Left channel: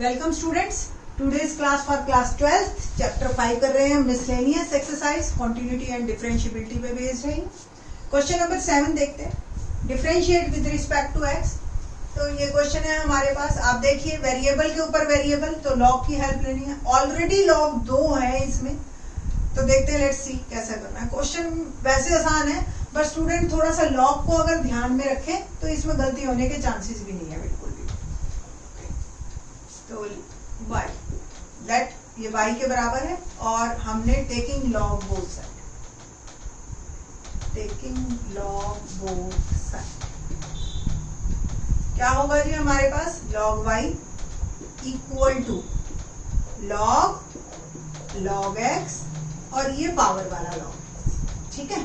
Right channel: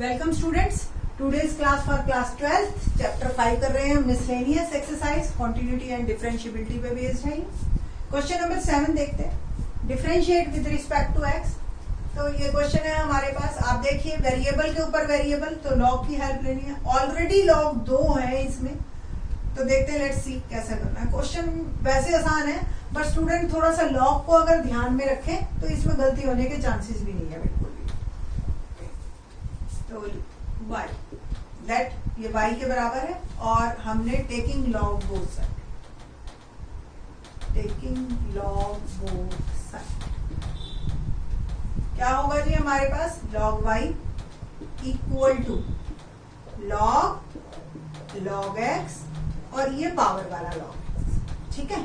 Welcome students, today's class for class 12th chapter 5 कर रहे हैं। Miscellaneous exercise continuity and differentiability पे based है। क्वेश्चन नंबर 7 देखते हैं। Differentiate with respect to x. तो ये क्वेश्चन है हमारे पास। आप देखिए वेरिएबल के ऊपर वेरिएबल, तो लॉग की हेल्प लेनी है। ऑलरेडी लॉग 2 है इसमें, तो देखते हैं, लेट्स सी कैसे करना है। क्वेश्चन वैसे आसान है, बट स्टूडेंट थोड़ा सा लॉग को अगर ध्यान में रखे तो इसमें गलती होने के चांसेस भी नहीं है बिल्कुल भी। तो y दैट ये y के बराबर है और हमने taking log both side, taking log both side क्या होगा जी हमारे पास? Log y equal to log x और ये पावर वाला लॉग। ठीक है,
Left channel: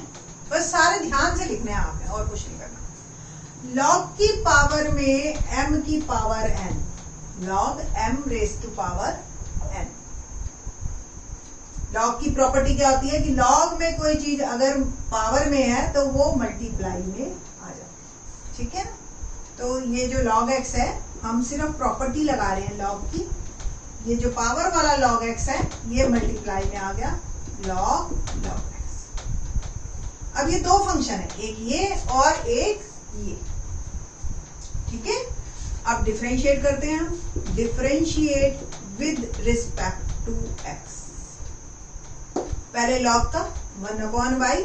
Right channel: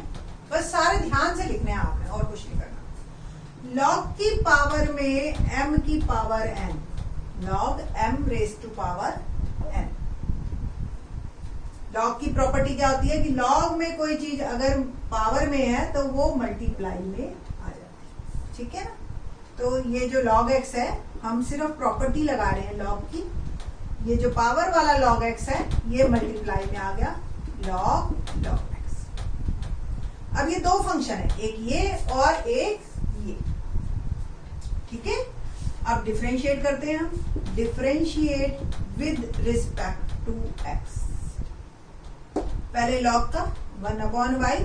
बस सारे ध्यान से लिखने हैं आपने और कुछ नहीं करना। लॉग की पावर में m की power n, log m raise to power n। Log की प्रॉपर्टी क्या होती है कि लॉग में कोई चीज अगर पावर में है तो वो मल्टीप्लाई में आ जाती है। ठीक है ना? तो ये जो log x है, हम सिर्फ प्रॉपर्टी लगा रहे हैं लॉग की। ये जो पावर वाला log x है ये मल्टीप्लाई में आ गया log x। अब ये दो फंक्शन है, एक ये और एक ये। ठीक है, अब डिफरेंशिएट करते हैं हम। Differentiate with respect to x। पहले लॉग का 1/y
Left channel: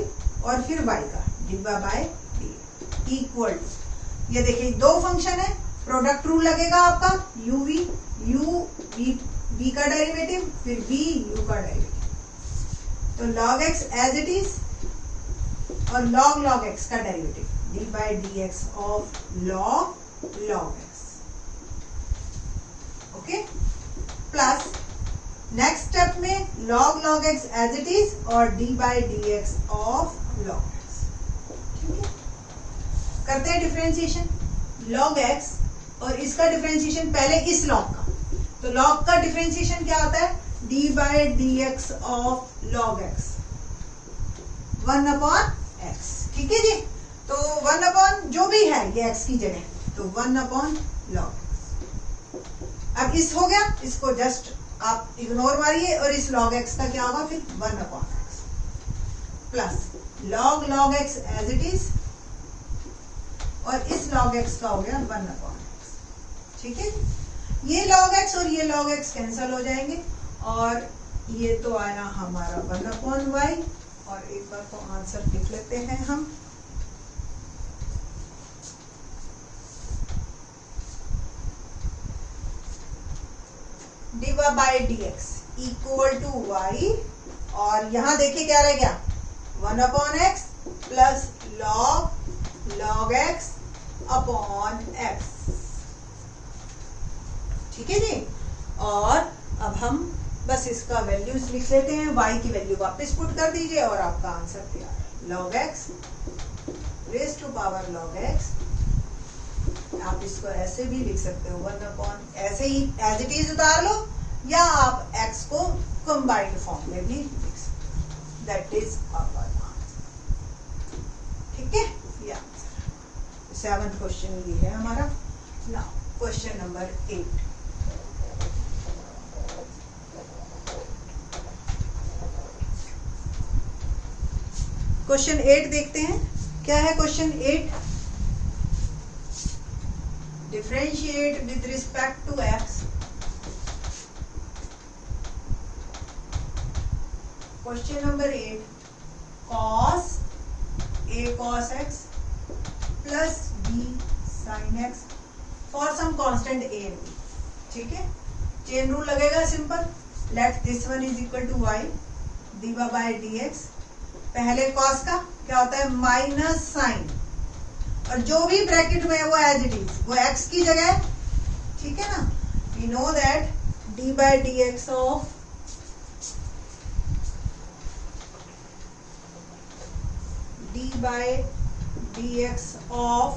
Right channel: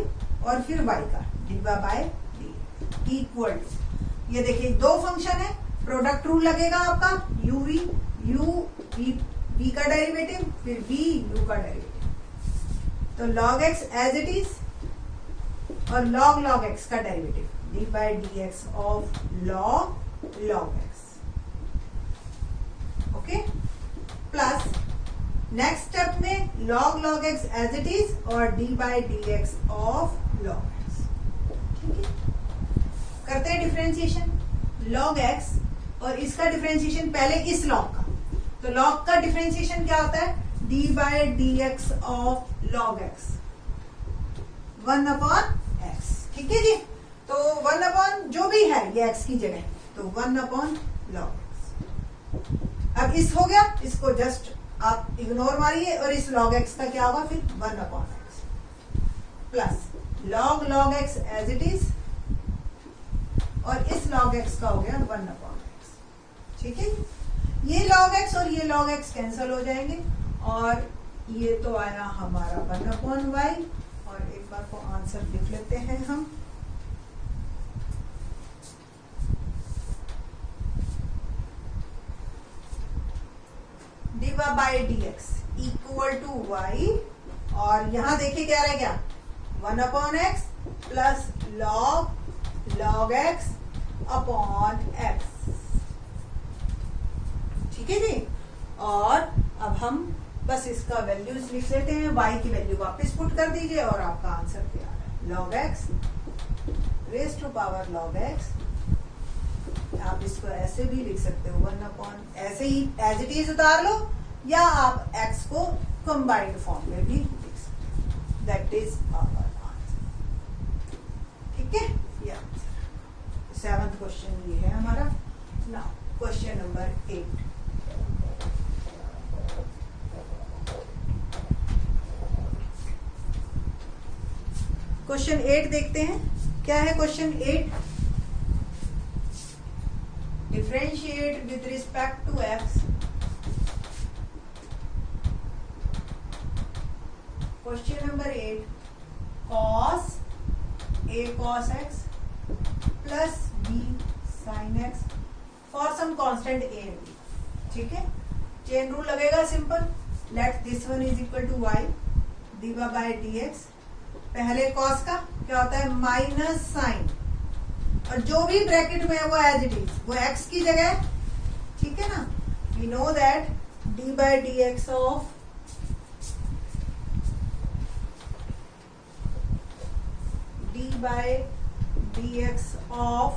और फिर y का divide by d equal to, ये देखिए दो फंक्शन है, प्रोडक्ट रूल लगेगा आपका। u v का डेरिवेटिव, फिर v u का डेरिवेटिव। तो log x as it is और log x का derivative d by dx of log x। Okay, plus next step में log x as it is और d by dx of log x। ठीक है, करते हैं डिफरेंशिएशन। log x और इसका डिफरेंशिएशन पहले इस log का, तो log का डिफरेंशिएशन क्या होता है? d by dx of log x 1/x। ठीक है जी, तो 1/ जो भी है ये x की जगह, तो 1/log x। अब इस हो गया, इसको जस्ट आप इग्नोर मारिए और इस log x का क्या होगा फिर? 1/x plus log x as it is और इस log x का हो गया 1/x। ठीक है, ये log x और ये log x कैंसिल हो जाएंगे और ये तो आया हमारा 1/y। और एक बार तो आंसर लिख लेते हैं हम। dy by dx equal to y और यहां देखिए क्या रह गया? 1/x plus log x upon x। ठीक है जी, और अब हम बस इसका वैल्यूज लिख लेते हैं। y की वैल्यू वापस पुट कर दीजिए और आपका आंसर तैयार है। log x raise to power log x। आप इसको ऐसे भी लिख सकते हो 1/, ऐसे ही एज इट इज उतार लो, या आप x को कंबाइंड फॉर्म में भी लिख सकते हो। That is our answer. ठीक है, ये आंसर 7th क्वेश्चन ये है हमारा। Now question number 8। क्वेश्चन 8 देखते हैं, क्या है question 8? Differentiate with respect to x। Question number 8, cos a cos x plus b sin x for some constant a and b। ठीक है, चेन रूल लगेगा simple. Let this one is equal to y dy by dx। पहले cos का क्या होता है? Minus sign, और जो भी ब्रैकेट में है वो एज इट इज, वो x की जगह है। ठीक है ना? We know that d by dx of d by dx of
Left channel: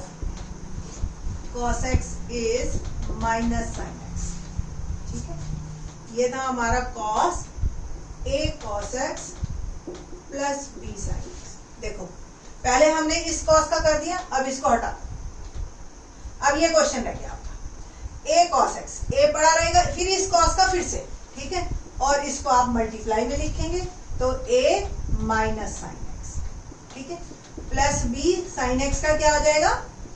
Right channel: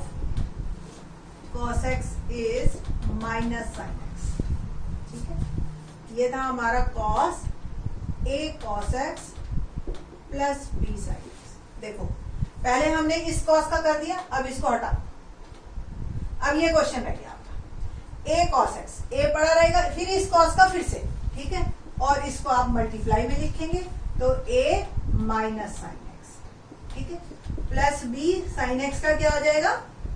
cos x is minus sin x। ठीक है, ये था हमारा cos a cos x plus b sin x। देखो पहले हमने इस cos का कर दिया, अब इसको हटा। अब ये क्वेश्चन रह गया आपका a cos x, a पड़ा रहेगा, फिर का फिर से, ठीक है, और इसको आप मल्टीप्लाई में लिखेंगे तो a माइनस साइन एक्स, ठीक है, प्लस b साइन एक्स का क्या आ जाएगा,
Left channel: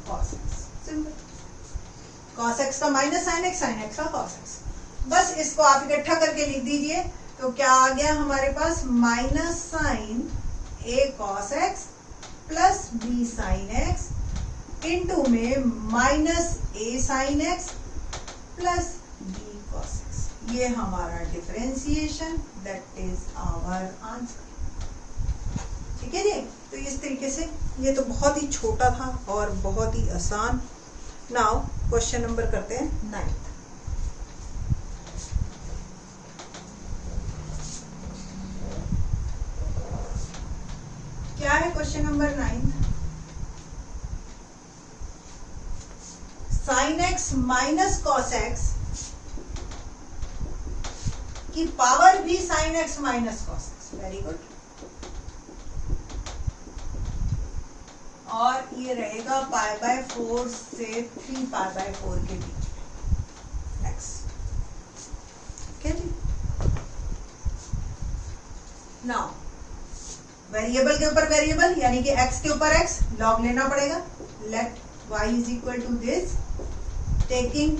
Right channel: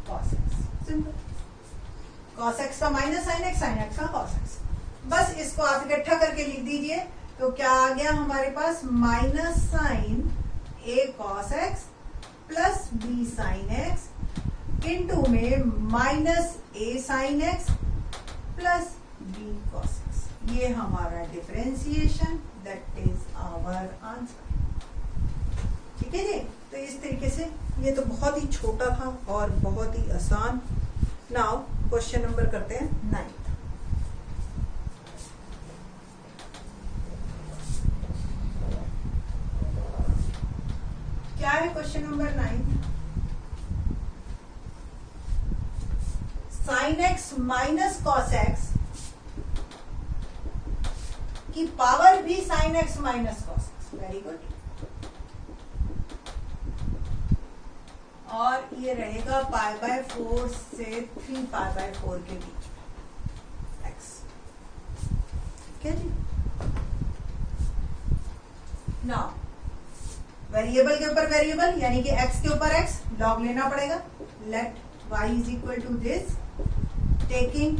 cos x, simple, cos x का माइनस साइन एक्स का कॉस एक्स। बस इसको आप इकट्ठा करके लिख दीजिए तो क्या आ गया हमारे पास, minus sine a cos x plus b sine x into में minus a sine x plus b cos x. ये हमारा differentiation, that is our answer, ठीक है जी। तो इस तरीके से, ये तो बहुत ही छोटा था और बहुत ही आसान। नाउ क्वेश्चन नंबर करते हैं 9। क्या है question number 9? Sign x minus cos x की पावर भी sign x minus cos x, very good. और ये रहेगा पाई बाय 4 से 3 पाई बाय 4 के बीच एक्स, ठीक है जी। नाउ वेरिएबल के ऊपर वेरिएबल यानी कि x के ऊपर x लॉग लेना पड़ेगा। Let y is equal to this, taking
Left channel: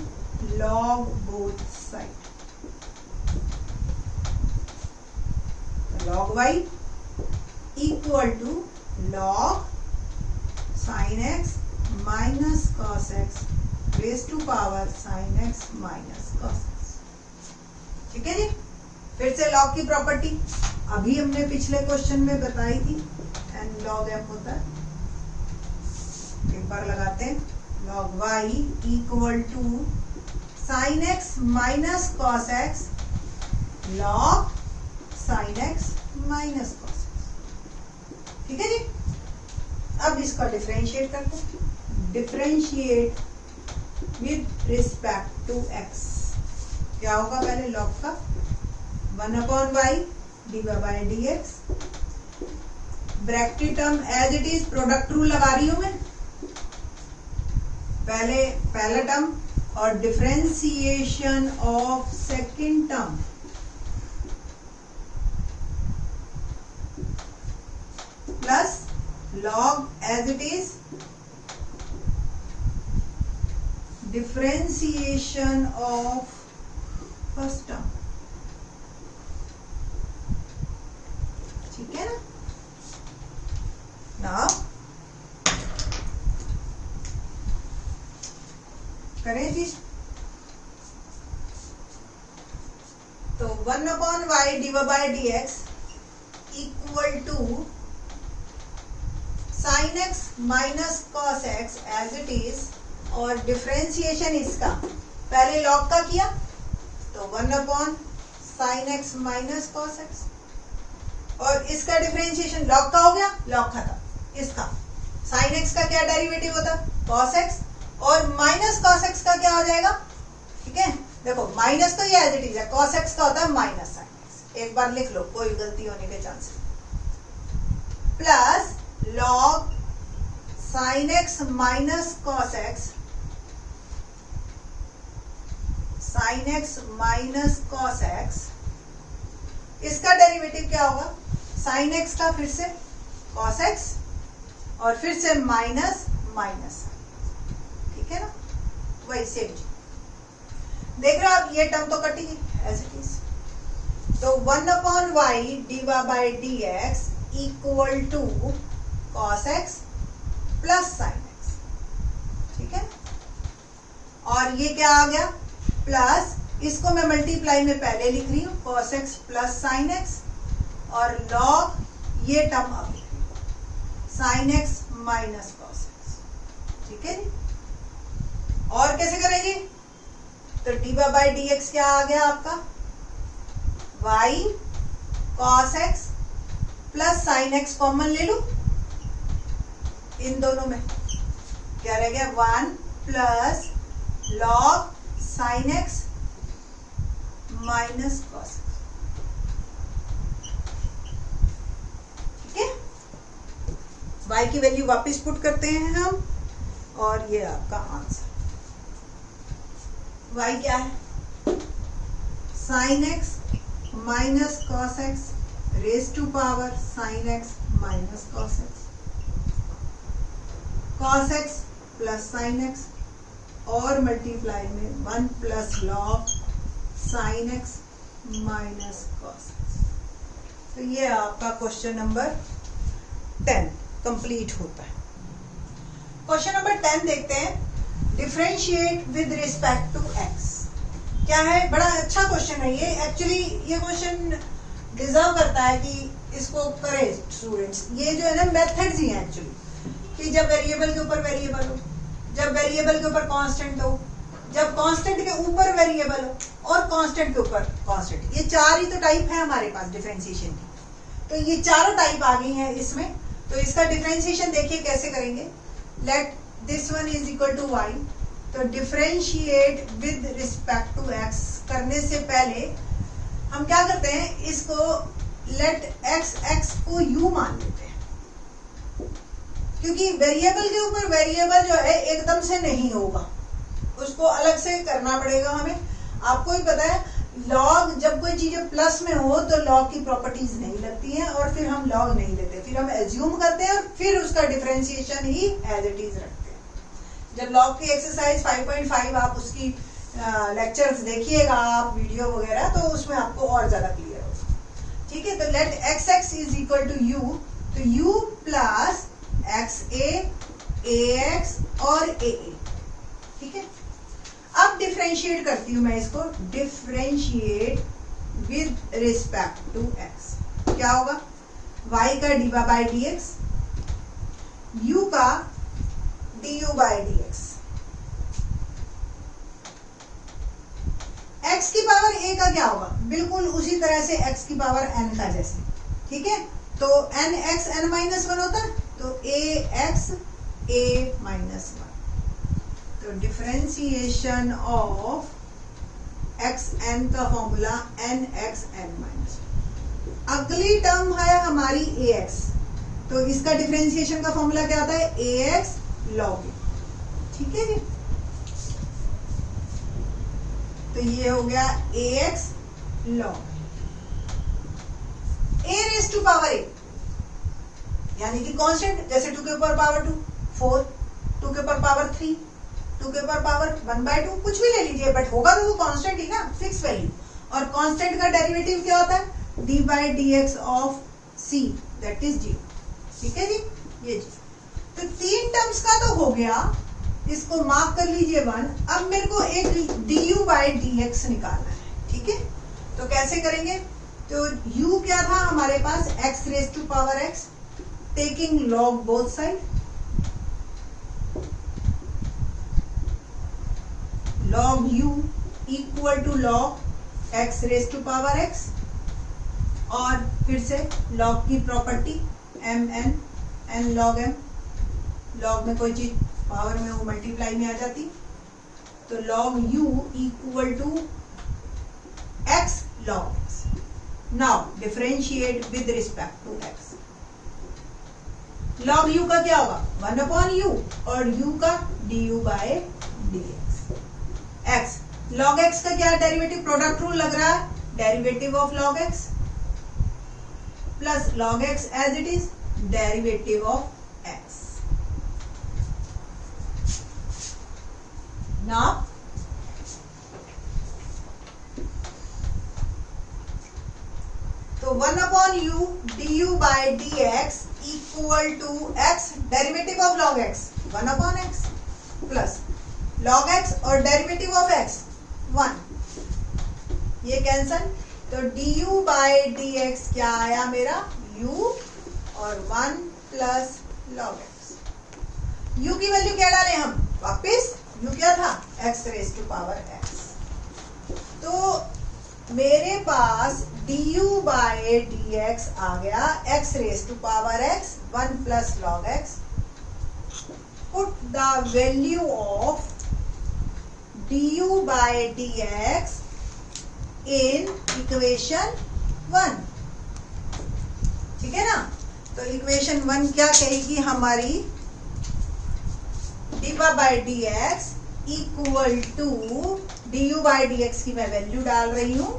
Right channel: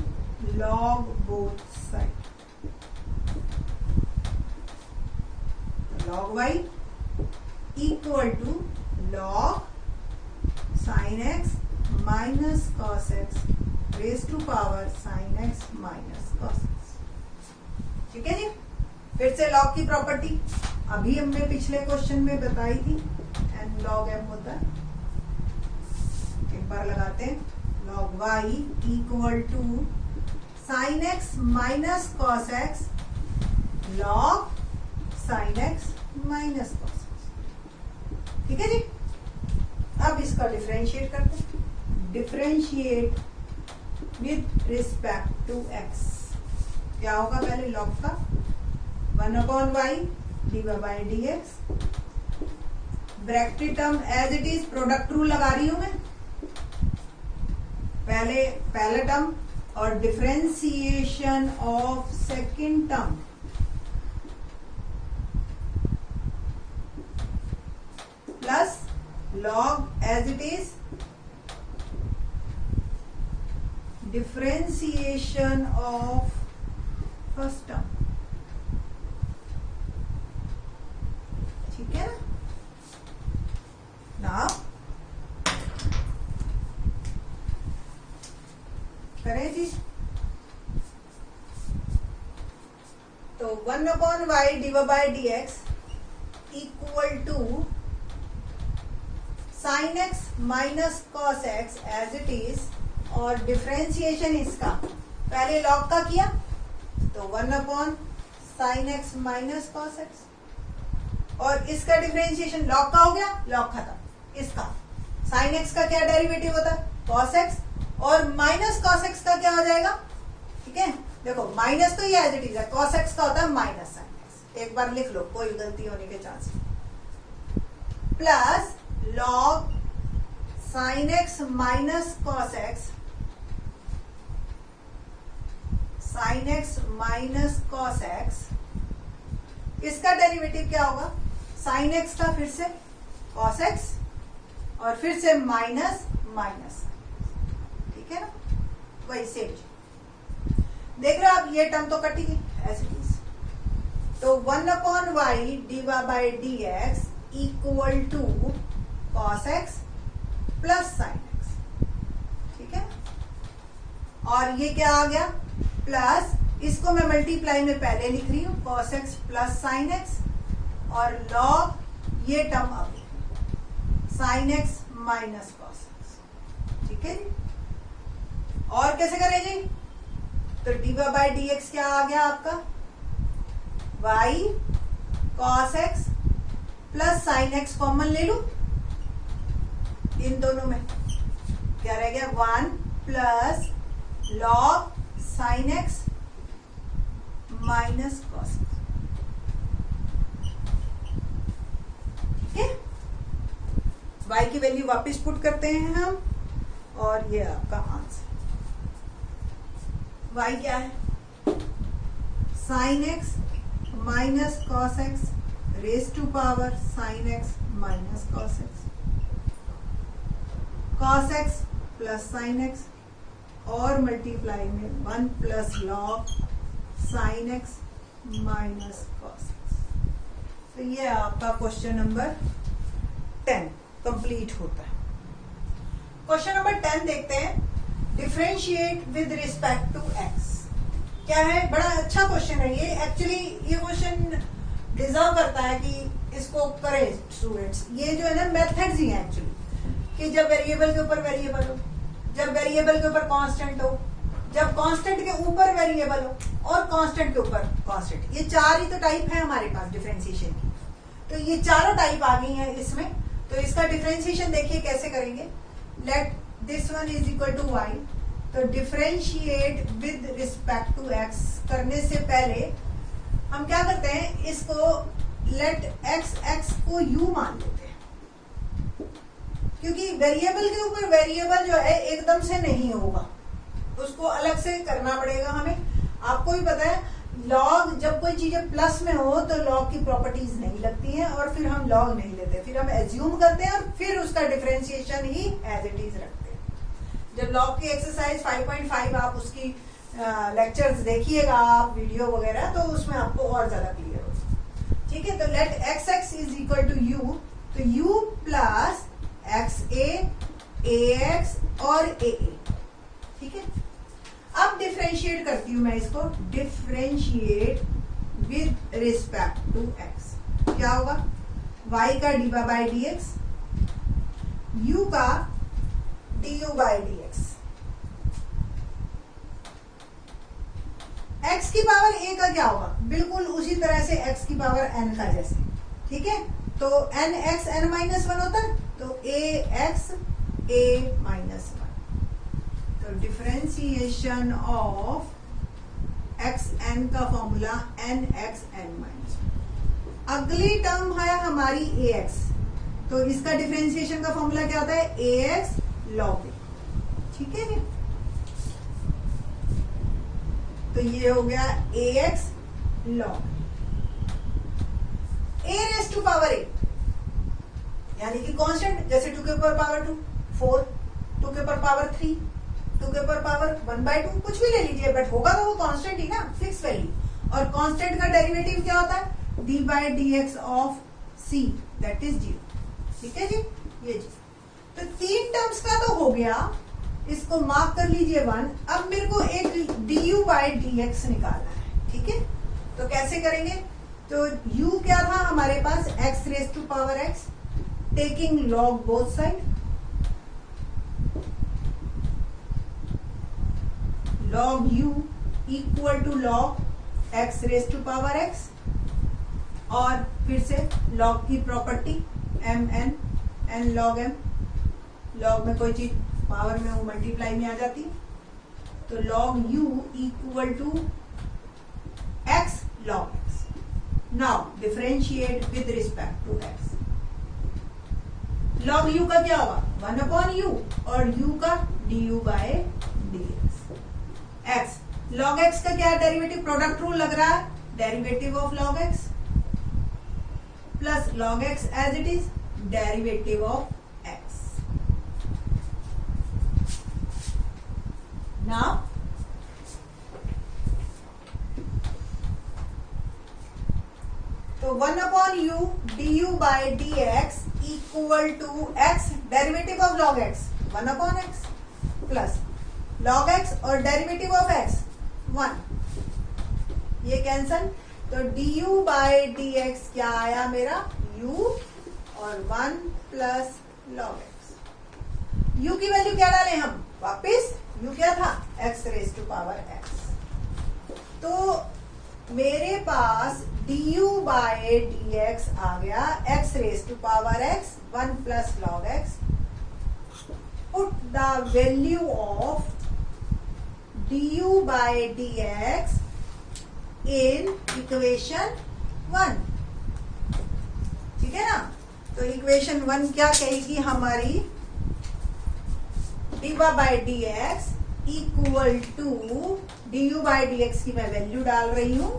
log both side, log y equal to log sine x minus cos x raise to power sine x minus cos x, ठीक है जी। फिर से log की property अभी हमने पिछले क्वेश्चन में बताई थी, एन लॉग एम होता है, एक बार लगाते हैं, log y equal to sine x minus cos x log sine x minus cos x, ठीक है जी। अब इसको डिफरेंशिएट करते हैं, differentiate with respect to x, क्या होगा पहले लॉग का 1/y divide by dx, bracket term as it is, product rule लगा रही हूं मैं, पहला टर्म और differentiation of second term plus log as it is differentiation of first term, ठीक है ना। नाउ करें जी, तो 1/y divide by dx equal to sine x minus cos x as it is, और डिफरेंशिएशन इसका पहले लॉग का किया तो 1/sin x minus cos x, और इसका डिफरेंशिएशन लॉग का हो गया, लॉग खत्म। इसका साइन एक्स का क्या डेरिवेटिव होता है, कॉस एक्स, और माइनस कॉस एक्स का क्या हो जाएगा, ठीक है। देखो माइनस तो ये एज इट इज है, कॉस एक्स का होता है माइनस साइन एक्स, एक बार लिख लो, कोई गलती होने के चांस नहीं, plus log sine x minus cos x, sign x minus cos x, इसका डेरिवेटिव क्या होगा, साइन एक्स का फिर से कॉस एक्स और फिर से माइनस माइनस, ठीक है ना, वही सेम देख रहे हो आप, ये टर्म तो कटी गई एज इट इज, तो 1/y divide by dx equal to cos x plus sine x, ठीक है। और ये क्या आ गया, प्लस इसको मैं मल्टीप्लाई में पहले लिख रही हूं, cos x plus sine x, और लॉग ये टर्म अब sign x minus cos x, ठीक है जी। और कैसे करेंगे, तो डिवाइड बाय dx क्या आ गया आपका, y cos x plus sine x common ले लू, इन दोनों में क्या रह गया, 1 plus log sine x minus cos, ठीक है। y की वैल्यू वापस पुट करते हैं हम, और ये आपका आंसर, y क्या है, sine x minus cos x raise to power sine x minus cos x plus sine x और मल्टीप्लाई में 1 plus log sine x minus cos x. तो ये आपका क्वेश्चन नंबर 10 कंप्लीट होता है। क्वेश्चन नंबर 10 देखते हैं। Differentiate with respect to x. क्या है, बड़ा अच्छा क्वेश्चन है ये। एक्चुअली ये क्वेश्चन डिजर्व करता है कि इसको करें स्टूडेंट्स। ये जो है ना मेथड्स ही हैं एक्चुअली, कि जब वेरिएबल के ऊपर वेरिएबल हो, जब वेरिएबल के ऊपर कांस्टेंट हो, जब कांस्टेंट के ऊपर वेरिएबल हो और कांस्टेंट के ऊपर कांस्टेंट। ये चार ही तो टाइप है हमारे पास डिफरेंशिएशन की। तो ये चारों टाइप आ गई हैं इसमें। तो इसका डिफरेंशिएशन देखिए कैसे करेंगे। Let this one is equal to Y. तो differentiate with respect to X करने से पहले हम क्या करते हैं, इसको लेट एक्स को यू मान लेते हैं, क्योंकि वेरिएबल के ऊपर वेरिएबल जो है एकदम से नहीं होगा, उसको अलग से करना पड़ेगा हमें। आपको ही पता है लॉग, जब कोई चीजें प्लस में हो तो लॉग की प्रॉपर्टीज नहीं लगती हैं और फिर हम लॉग नहीं लेते, फिर हम एज्यूम करते हैं और फिर उसका डिफरेंशिएशन ही एज इट इज रखते हैं। जब लॉग की एक्सरसाइज 5.5 आप उसकी लेक्चर्स देखिएगा आप वीडियो वगैरह, तो उसमें आपको और ज्यादा क्लियर होगा। ठीक है, तो let X X is equal to U. तो U plus X A X और ए। ठीक है, अब डिफरेंशिएट करती हूं मैं इसको। Differentiate with respect to x क्या होगा, y का d by d x, u का d u by d x. x की पावर a का क्या होगा, बिल्कुल उसी तरह से x की पावर n का जैसे। ठीक है, तो n x n माइनस 1 होता है, तो a x a माइनस 1। तो डिफरेंशिएशन ऑफ एक्स एन का formula n x n minus. अगली टर्म है हमारी ए एक्स, तो इसका डिफरेंशिएशन का फॉर्मूला क्या आता है, ए एक्स लॉग ए। ठीक है जी, तो ये हो गया A X log A raise to power A, यानी कि कांस्टेंट, जैसे 2 के ऊपर पावर 2 4, 2 के ऊपर पावर 3, 2 के ऊपर पावर 1/2, कुछ भी ले लीजिए, बट होगा तो वो कांस्टेंट ही ना, फिक्स वैल्यू। और कांस्टेंट का डेरिवेटिव क्या होता है, d by d x of c, that is 0। ठीक है जी, ये जी। तो 3 टर्म्स का तो हो गया, इसको मार्क कर लीजिए 1। अब मेरे को एक D u by d x निकालना है। ठीक है, तो कैसे करेंगे, तो u क्या था हमारे पास, x raise to power x, taking log both side, log u equal to log x raise to power x, और फिर से log की property m n log m, log में कोई चीज पावर में वो मल्टीप्लाई में आ जाती, तो log u equal to x log x। Now differentiate with respect to x। log u का क्या होगा, 1/u, और u का du by dx। x log x का क्या डेरिवेटिव, प्रोडक्ट रूल लग रहा है, derivative of log x plus log x as it is derivative of x। Now तो 1/u du by dx equal to x, derivative of log x 1/x plus log x और derivative of x 1, ये cancel, तो du by dx क्या आया मेरा, u और 1 plus log x। u की value क्या डालें हम वापस, u क्या था, x raise to power x। तो मेरे पास du बाय dx आ गया x raise to power x 1 plus log x। Put the value of du by dx in equation 1। ठीक है ना, तो इक्वेशन 1 क्या कहेगी हमारी, dy by dx equal to du by dx की मैं वैल्यू डाल रही हूं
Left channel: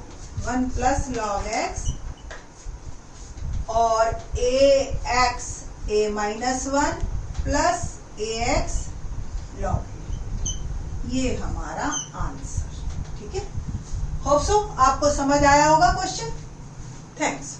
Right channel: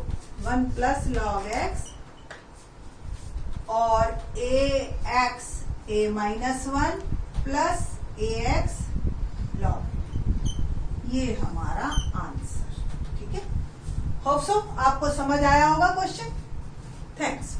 1 प्लस लॉग एक्स और ax a minus 1 plus ax log, ये हमारा आंसर। ठीक है, होप सो आपको समझ आया होगा क्वेश्चन। थैंक्स।